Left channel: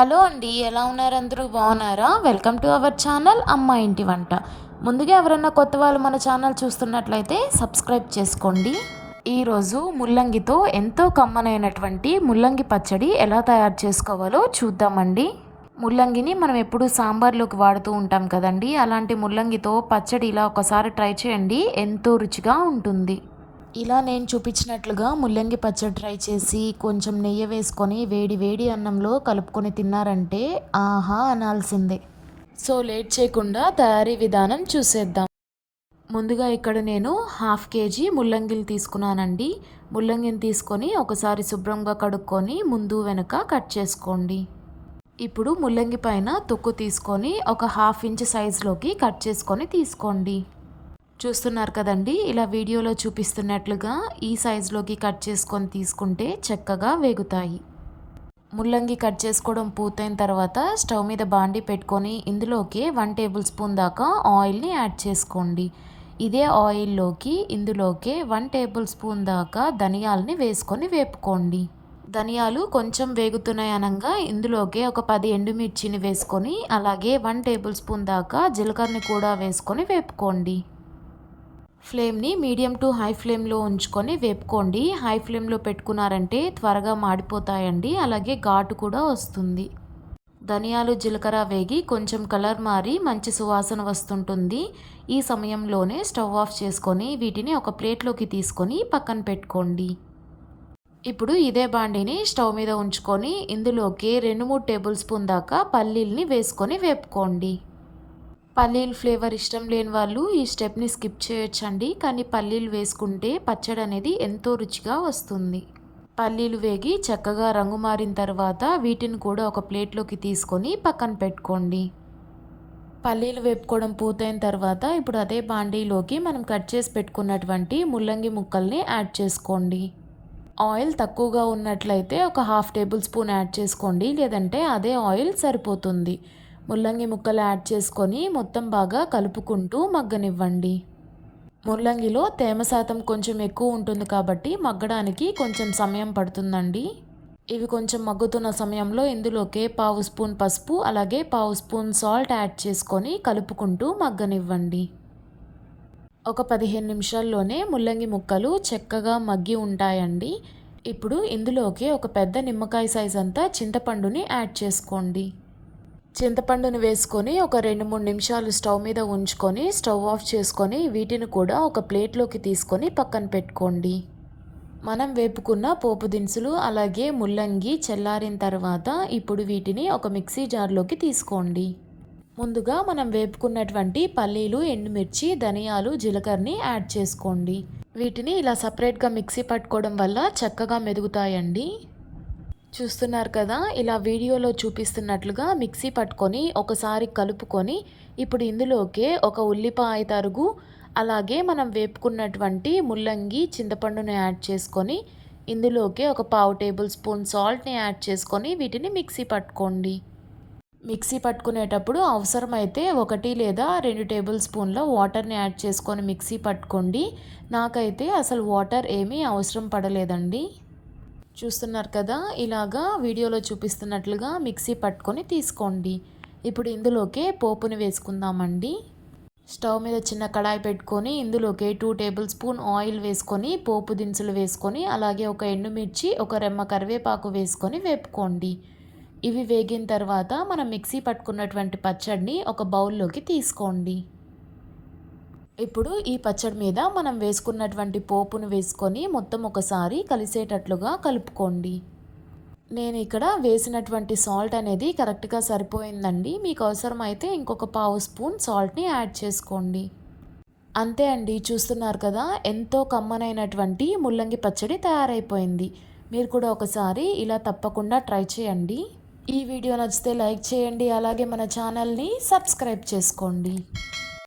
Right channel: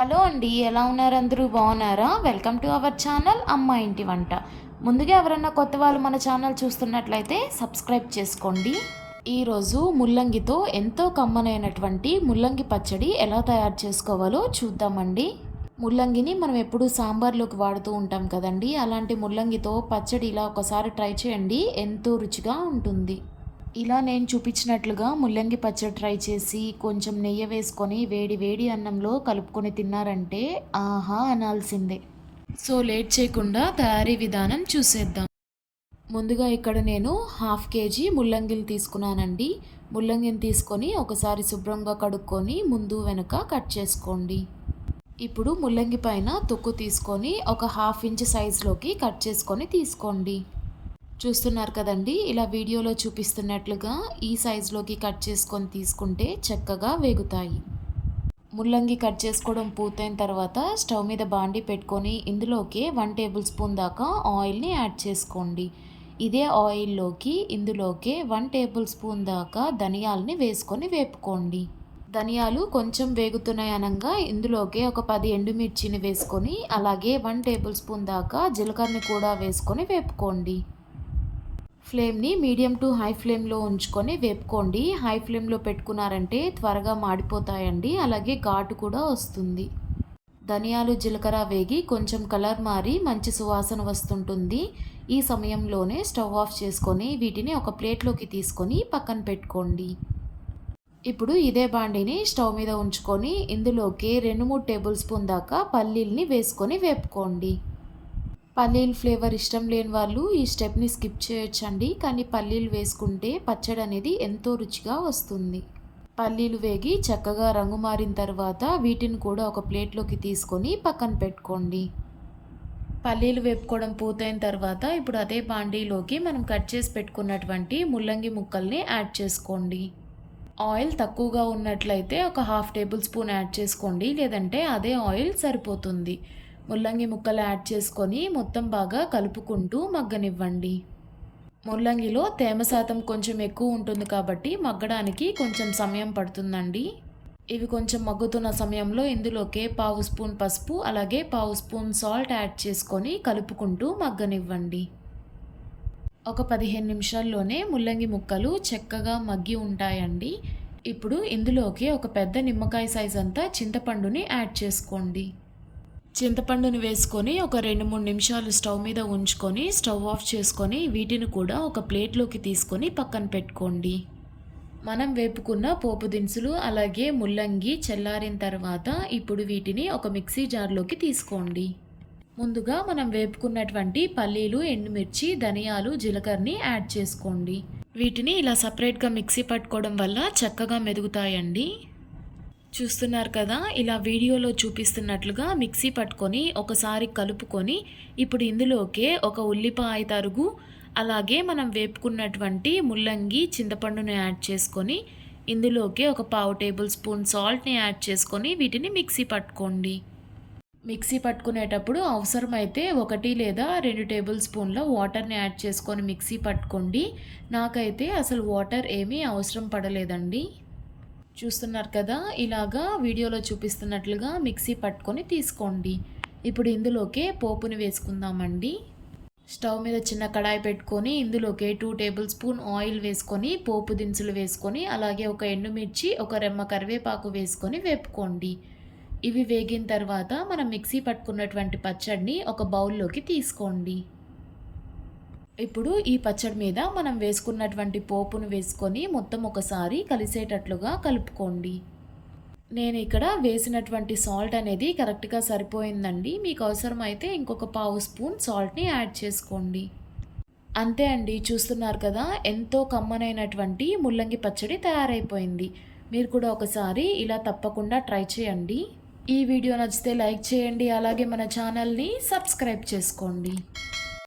Hello అండి ఎలా ఉన్నారు అందరూ? బాగున్నారా? వెల్కమ్ టు అవర్ ఛానల్ అమ్మ ఇంటి వంట. ముందుగా ఎవరైనా కొత్త వాళ్ళు మన ఛానల్ చూస్తున్నట్లయితే సబ్స్క్రైబ్ చేసుకోండి. ఈరోజు ముల్లంగితో ఎంతో కమ్మనైనటువంటి ముల్లంగి పచ్చడి ఎలా తయారు చేసుకోవాలో చూద్దామండి. ముల్లంగిని మనం ఎప్పుడు సాంబార్లోకి వాడుతూ ఉంటాం కదండి. అలాంటి ముల్లంగితో పచ్చడి ఇలా ఒకసారి ట్రై చేయండి. ఎంతో రుచిగా ఉంటుంది. ఇలా నేను చూపించినట్లుగా ముల్లంగి పచ్చడి ట్రై చేసి కొంచెం నెయ్యి వేసుకొని వేడి వేడి అన్నంలో కలుపుకొని తిన్నారంటే ఆహా అనాల్సిందే. సో లేట్ చేయకుండా తయారీ విధానం చూసేద్దాం. ముందుగా ఇక్కడ నేను హాఫ్ కేజీ ముల్లంగిలు తీసుకున్నానండి. ముల్లంగిని తీసుకొని ఒకసారి శుభ్రంగా కడుక్కొని ముందు వెనుక కట్ చేసుకోండి. ఇప్పుడు ముల్లంగి పైన తొక్కు తీసుకొని ఒక హాఫ్ ఇంచ్ సైజులోకి కట్ చేసుకొని తీసుకోండి. చూస్తున్నారు కదండి ఇలా వీడియోలో చూపిస్తున్నట్లుగా ఈ సైజులోకి కట్ చేసుకొని తీసుకుంటే చక్కగా వేగుతాయి. ముల్లంగి కట్ చేసుకోవడం పూర్తయిన తర్వాత స్టవ్ మీద బాండి పెట్టుకొని ఇందులోకి వన్ టేబుల్ స్పూన్ దాకా ఆయిల్ని యాడ్ చేసుకోండి. ఇదే ఆయిల్లోకి ఇందులోకి వన్ టేబుల్ స్పూన్ దాకా ధనియాలని వేసుకొని వేపుకోండి. ధనియాలు కొంచెం వేగుతున్నాయి అనగా ఇందులోకి ఒక పది ఎండుమిర్చిని వేసుకొని అలాగే వన్ టేబుల్ స్పూన్ దాకా జీలకర్రని కూడా వేసుకొని వేపుకోండి. ఫ్లేమ్ని మీడియం టు హై ఫ్లేమ్లో ఉంచుకొని వేపుకోండి. హై ఫ్లేమ్లో పెట్టుకున్నారంటే త్వరగా మాడిపోతాయండి. అలాగే ఘాటు కూడా వస్తుంది. ధనియాలు జీలకర్ర వేగి కొంచెం కలర్ మారి మంచి సువాసన వస్తుంటుంది. ఈ సమయంలోనే స్టవ్ ఆఫ్ చేసుకొని వీటిని ఒక ప్లేట్లోకి తీసుకొని పక్కన పెట్టుకోండి. ఇప్పుడు ఇదే బాండిని స్టవ్ మీద ఉంచుకొని ఇందులోకి రెండు మూడు టేబుల్ స్పూన్ దాకా పల్లీల్ని వేసుకొని వేపుకోండి. పల్లీలు ఫ్లేవర్ ఇష్టం లేని వాళ్ళు ఈ స్టెప్ని స్కిప్ చేయొచ్చండి. కానీ పల్లీలు వేసుకుంటే పచ్చడి అనేది ఎంతో రుచిగా వస్తుంది. పల్లీలు వేగి చక్కగా రంగు మారిన తర్వాత వీటిని కూడా ఒక ప్లేట్లోకి తీసుకొని పక్కన పెట్టుకోండి. పల్లీలు వేపుకోవడం పూర్తయిన తర్వాత ఇప్పుడు అదే బాండీలోకి మనం కట్ చేసి పెట్టుకున్నటువంటి ముల్లంగి ముక్కల్ని యాడ్ చేసుకోండి. ఆయిల్ తక్కువగా ఉన్నట్లయితే ఒక హాఫ్ టేబుల్ స్పూన్ యాడ్ చేసుకోండి. లేదంటే అదే ఆయిల్ సరిపోతుంది. ముల్లంగి ముక్కలు యాడ్ చేసుకొని మొత్తం బాగా కలుపుకుంటూ మగ్గనివ్వండి. ముల్లంగిలో తేమ శాతం కొంచెం ఎక్కువ ఉంటుంది కాబట్టి మగ్గడానికి కొంచెం సమయం పడుతుందండి. ఇవి కొంచెం మగ్గుతున్న సమయంలో ఇందులోకే పావు స్పూన్ పసుపు అలాగే పావు స్పూన్ సాల్ట్ యాడ్ చేసుకొని కలుపుకుంటూ మగ్గనివ్వండి. ఒక పదిహేను నిమిషాల్లోనే ముల్లంగి ముక్కలు చక్కగా మగ్గి ఉంటాయండి. ఇప్పుడు ఇందులోకి ఒక పెద్ద నిమ్మకాయ సైజ్ అంతా చింతపండుని యాడ్ చేసుకోండి. చింతపండును వేసుకొని ఒక రెండు మూడు నిమిషాలు స్టవ్ మీద ఉంచుకొని స్టవ్ ఆఫ్ చేసుకొని వీటిని కూడా ఒక ప్లేట్లోకి తీసుకొని పక్కన పెట్టుకోండి. మనం వేపుకున్న పోపు దినుసులు అలాగే ముల్లంగి చల్లారిన తర్వాత ఇప్పుడు వీటిని ఒక మిక్సీ జార్లోకి తీసుకోండి. ముందుగా మనం వేపుకున్నటువంటి పల్లీలు ఎండుమిర్చి ధనియాలు జీలకర్రని యాడ్ చేసుకోండి. వీటిని ఇలా సపరేట్గా మిక్సీ పట్టుకోవడం వల్ల చక్కగా మెదుగుతాయండి. చూస్తున్నారు కదా ఇలా వీడియోలో చూపిస్తున్నట్లుగా మిక్సీ పట్టుకొని ఒకసారి కలుపుకొని ఇప్పుడు ఇందులోకే ఒక ఉల్లిపాయ తరుగు అలాగే మనం వేపుకున్నటువంటి ముల్లంగి చింతపండును యాడ్ చేసుకొని ఇందులోకి ఒక పావు టేబుల్ స్పూన్ సాల్ట్ని యాడ్ చేసుకొని వీటిని మిక్సీ పట్టుకోండి. మిక్సీ పట్టుకునేటప్పుడు అవసరమైతే ఒకటి లేదా రెండు టేబుల్ స్పూన్ల వాటర్ని యాడ్ చేసుకొని మిక్సీ పట్టుకోండి. నాకైతే అసలు వాటర్ ఏమీ అవసరం పడలేదండి. చూస్తున్నారు కదా ఇలాగా వీడియోలో చూపిస్తున్నట్లుగా మిక్సీ పట్టుకొని తీసుకోండి. ఇప్పుడు ఇందులోకే పోపుని వేసుకుందామండి. స్టవ్ మీద చిన్న కడాయి పెట్టుకొని ఇందులోకి టూ టేబుల్ స్పూన్ ఆయిల్ వేసుకొని పోపు దినుసులు వేసుకొని అలాగే ఒక ఎండుమిర్చి ఒక రెమ్మ కరివేపాకు వేసుకొని వేపుకోండి. ఇవి వేగిన తర్వాత మనం మిక్సీ పట్టుకున్నటువంటి పచ్చడిని ఒక బౌల్లోకి తీసుకోండి. ఇప్పుడు ఈ పచ్చడి మీద మనం వేసుకున్నటువంటి పోపును వేసుకొని మొత్తం ఒకసారి కలిసేటట్లుగా కలుపుకోండి. నేను ఇక్కడ వేసినటువంటి సాల్ట్ అనేది కరెక్ట్గా సరిపోయిందండి. మీకు అవసరమైతే ఇంకొక పావు స్పూన్ సాల్ట్ని యాడ్ చేసుకోండి. అంతే అండి చూస్తున్నారు కదా ఎంతో కమ్మనైనటువంటి ముల్లంగి పచ్చడి తయారైపోయింది. మీరు కూడా ఒకసారి ఇలా తప్పకుండా ట్రై చేయండి. ఈ వీడియో నచ్చితే లైక్ చేయండి అలాగే మన ఛానల్ని సబ్స్క్రైబ్ చేసుకోండి.